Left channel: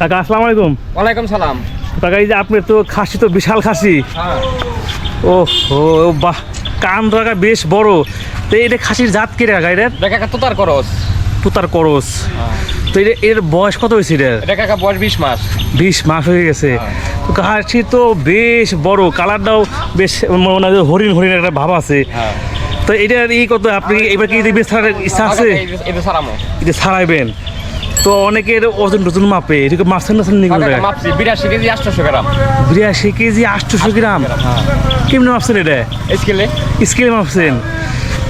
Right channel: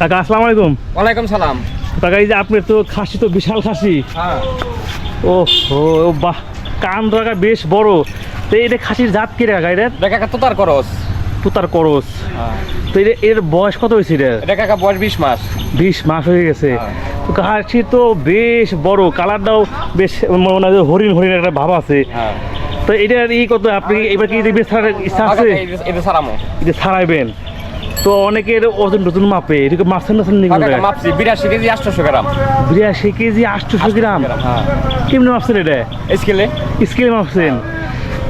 কাকা আসসালামু আলাইকুম। ওয়ালাইকুম সালাম। কাকা এই যে আপনার তো খাসি তো বিশাল খাসি। হ্যাঁ। ও হো বাহ কান রাখা বেশ বড়। তো এটা খাসির জাত কি রে কাকা এটা কাকা তোতার করস। পুতার করস। তো এটা এর বয়স কত হয়েছে এটা কাকা বয়স বিশ মাস। বিশ মাস হয়ে গেছে। হ্যাঁ। তো খাসি তো বেশ বড় কালারটাও বেশ মনে হয় হরিণ হরিণ একটা ভাব আছে। হ্যাঁ। তো এটার ই কত আপনি এবার কি ইচ্ছা আছে? এটা সারামো। এটা ছাড়াইবেন তো অনেকের ওজন টজন মাপে এটাকে মাপছেন না মাপছি বিরাশি কেজি আটশোশো গ্রাম। বিরাশি কেজি আটশোশো গ্রাম? হ্যাঁ। কেমনি মাপছেন এটা? স্কেলে? স্কেলে মাপছেন?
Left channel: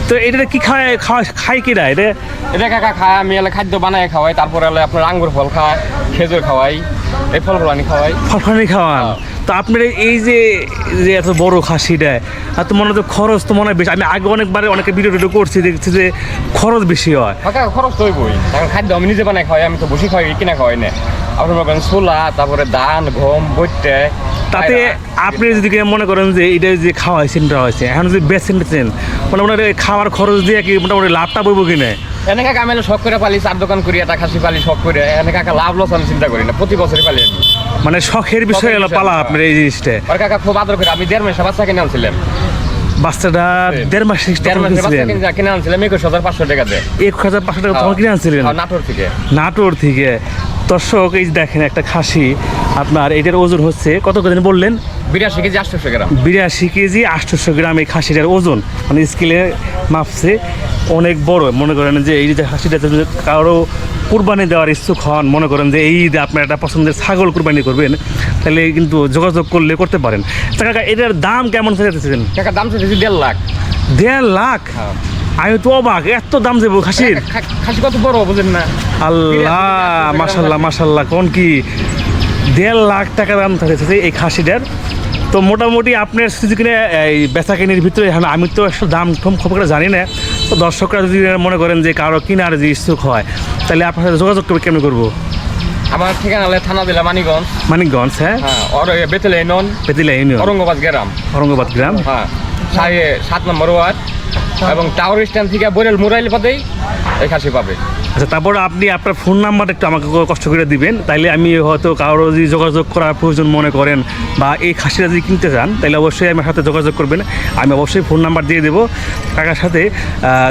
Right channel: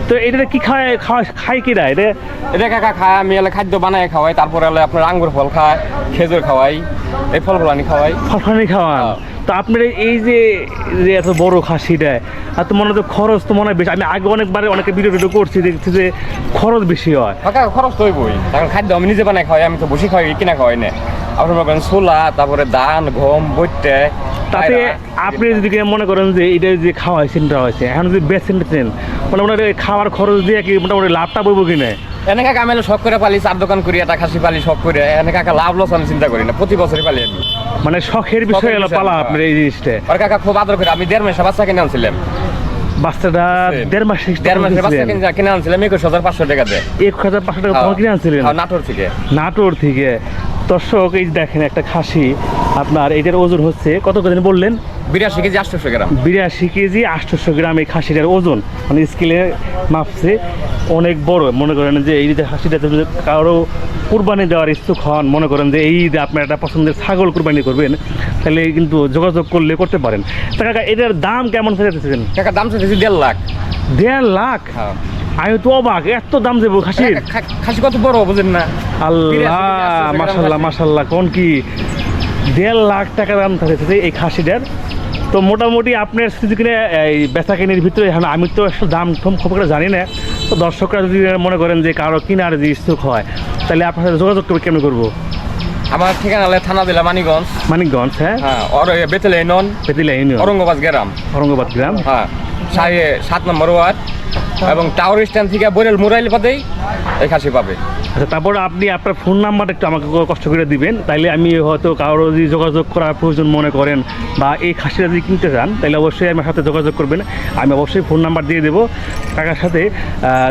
তো এটা কি খায় খাওয়া খায় কিরা এটা এটা কাকা খায় আমি এলে খাদ্য বানায় খাওয়াই তারপরে এলে আপনার আঙ্গুর ফল খায় খেজুর খাওয়াই এই ফল ফলানি খাওয়াই। ফলফলানি খাওয়ান? হ্যাঁ। তো আপনার এই যে যে এত বড় খাসিটা, আর তো মনে হয় খরচ তো মনে হয় বেশি। আমি আগে অনেকবার অনেকে ভিডিও টিডিও করছি, দেখছি যে খরচ বেশি হয়। খরচ তো হইবই। কারণ খাদ্য আমি নিজে বানাই খাওয়াই, আমি তো বসে খাওয়াই, কিনা খাওয়াই না। আপনার ছোলা, তারপরে ধান, গম বইটে তাতে আপনি যদি মনে করেন যে এটা যে খাওয়া হয়েছে এটা হয়েছে এখন যদি বেছেন বেছেন মোটামুটি খাওয়ার খরচ দিয়ে কি মোটামুটি লাভটা বলব কিনে এনে কাকা আমি শখ করে পালি চার দোকান করি একটা খাসি পালি শখ করে এনে কাকা লাভ লস আমি চিন্তা করি না প্রতি বছরই পালি আমি। মানে শখের বিষয় হলো পালা হ্যাঁ। আপনার এই জিনিসটা। আর কাকা খুব আদর করে আমি দেড় মাসে বাচ্চা কিনে আনছিলাম। বাচ্চাটা দেড় মাস দেড় মাসে বাচ্চা কিনে কিনে আনছিলাম একুশ হাজার পাঁচশো টাকা দিয়ে। এক হাজার পাঁচশো টাকা তখন কিনে আনছিলেন? হ্যাঁ, নাটোর থেকে। নাটোর থেকে। দর্শক এই দেখেন একটা খাসি আপনার এটার ওজন হচ্ছে কত করে বললেন? বিরাশি কেজি আটশোশো গ্রাম। বিরাশি কেজি আটশোশো গ্রাম এই খাসিটার ওজন। মানে স্কেলে মাপছে অনেক বড়। মনে করেন যে এই যে খাসিটা যদি কারও কুরবানি দেওয়ার ইচ্ছুক হন মনে করেন যে এই যে আপনার একটা পছন্দের ছাগল কুরবানি করবেন তাহলে কিন্তু যোগাযোগ করলে করতে পারেন। কাকা এটার দাম কেমন চাইতেছেন টাকা দাম চাইছি দেড় লাখ। দেড় লাখ? হ্যাঁ। আমি তো অবাক এত দাম দেবো খাসির? খাসি কত বড় বুঝেন না। আল্লাহ মাসাল্লাহ মাসাল্লাহ কোন কি? দেড় লাখ টাকা দাম থাকছে এই খাসিটার। তো মোটামুটি আপনার যদি কিনে এই বেচা কিনির ভিতরে আমি তো একটু দাম ঠম খুব একটা জানি না। তো দর্শকরা যদি মনে করেন যে কারও কিনার যে ইচ্ছুক হয় তাহলে আপনার সাথে যোগাযোগ করবে কেন করব? আমার ঠিকানা হলে থানা দিলা মানিগঞ্জ মানিকগঞ্জ হ্যাঁ? হ্যাঁ আর বেতেলে নন পেতিলা ইউনিয়ন। ঔরঙ্গাবাদ গ্রাম। ঔরঙ্গাবাদ গ্রাম। হ্যাঁ সাড়ে সাত নম্বর ওয়ার্ড। এবং টাওয়ার স্ট্যান্ড থেকে বরেল মোরাইল পাতেই এই খাসি পাবে। আচ্ছা তারপর আপনি আপনার ফোন নাম্বারটা একটু আমাকে কষ্ট করে দিবেন। তাইলে আমি হয়তো কারও যদি যোগাযোগ করার প্রয়োজন মনে করেন বা এই খাসিটা যদি কিনতে চান তাহলে অবশ্যই আমার সাথে যোগাযোগ করবেন। আমি অবশ্যই ফোন নাম্বার দিয়ে দেবো কাকার সাথে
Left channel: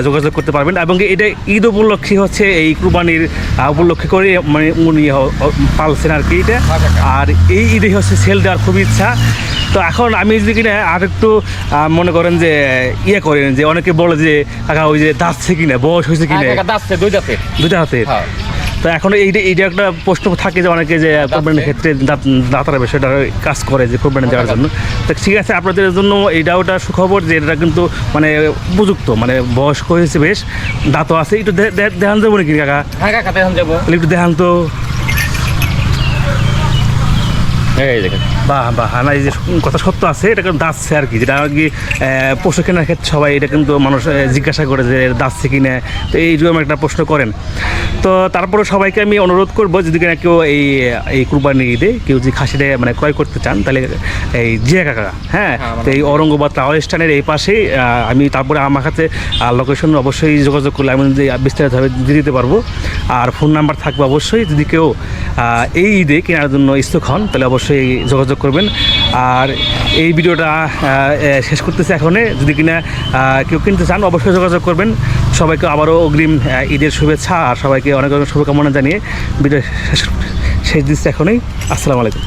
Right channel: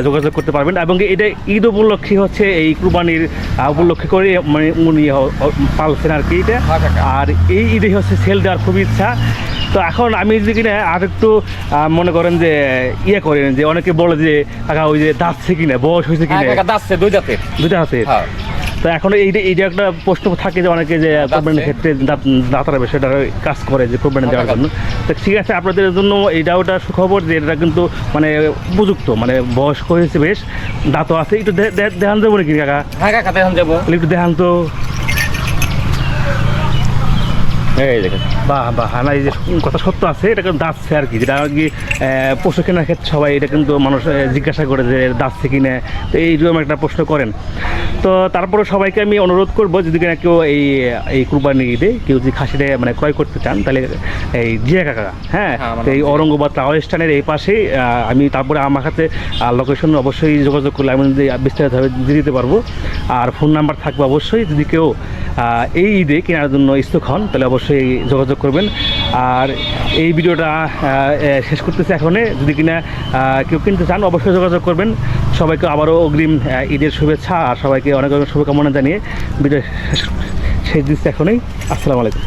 যোগাযোগ করতে পারবেন। এবং এটা ঈদ উপলক্ষে হচ্ছে এই কুরবানির উপলক্ষে করে মানে উনি পালছেন আর কি এটা। হ্যাঁ, আর এই ঈদে হচ্ছে সেল দেওয়ার খুব ইচ্ছা। তো এখন আমি যদি কিনা আর একটু মনে করেন যে ইয়ে করেন যে অনেকে বলে যে কাকা ওই যে দাঁতছে কিনা বয়স হয়েছে হ্যাঁ কিনা কাকা দাচ্ছে দুই দাঁতের দুটা হাতে হ্যাঁ। তো এখন এইটা এইটা একটা প্রশ্ন থাকে যে অনেকে যে কোরবানির ক্ষেত্রে দাঁত- দাঁতারা বিষয়টা কাজ করে যে কোরবানি দেওয়ার জন্য। তো ঠিক আছে আপনাদের জন্য এইটা ওটা সুখবর যে এটা কিন্তু মানে উপযুক্ত মানে বয়স্ক হয়েছে বেশ দাঁতও আছে। একটু দেখান যাব নাকি কাকা? হ্যাঁ কাকা দেখুন যাব। একটু দেখান তো। এই দেখেন। বাহ বাহ। না এই যে কথা সত্য আছে এটা কিন্তু দাঁতছে আর কি। যেটা আর কি পশু কেনার ক্ষেত্রে সবাই এটা কিন্তু মানুষ জিজ্ঞাসা করে যে দাঁতছে কিনা তো এইরকম একটা প্রশ্ন করেন। তো তারপরে সবাইকে আমি অনুরোধ করব যদি কিনা কেউ এই এই কুরবানি ঈদে কেউ যদি খাসিটা মানে ক্রয় করতে চান তাহলে এই জিয়া কাকা হ্যাঁ? হ্যাঁ, তো এই ঔরঙ্গাবাদ টাওয়ার স্ট্যান্ডের এই পাশেই আমি তারপরে আমার কাছে লোকেশন অবশ্যই যোগাযোগ করলে আমি যদি বিস্তারিতভাবে দিয়ে দিতে পারব। আর ফোন নাম্বার থাকবে অবশ্যই যদি কেউ এই ঈদে কেনার জন্য ইচ্ছুক হন, তাহলে অবশ্যই যোগাযোগ করবেন। আর এই ভিডিওটা শেষ করতেছে এখনে যদি কিনা কেউ কিনতে চান, অবশ্যই যোগাযোগ করবেন। সবাইকে আবারও অগ্রিম ঈদের শুভেচ্ছা, আর সবাইকে অনেক অনেক শুভকামনা জানিয়ে ভিডিও শেষ শেষ দিচ্ছে এখনই। আসসালামু আলাইকুম।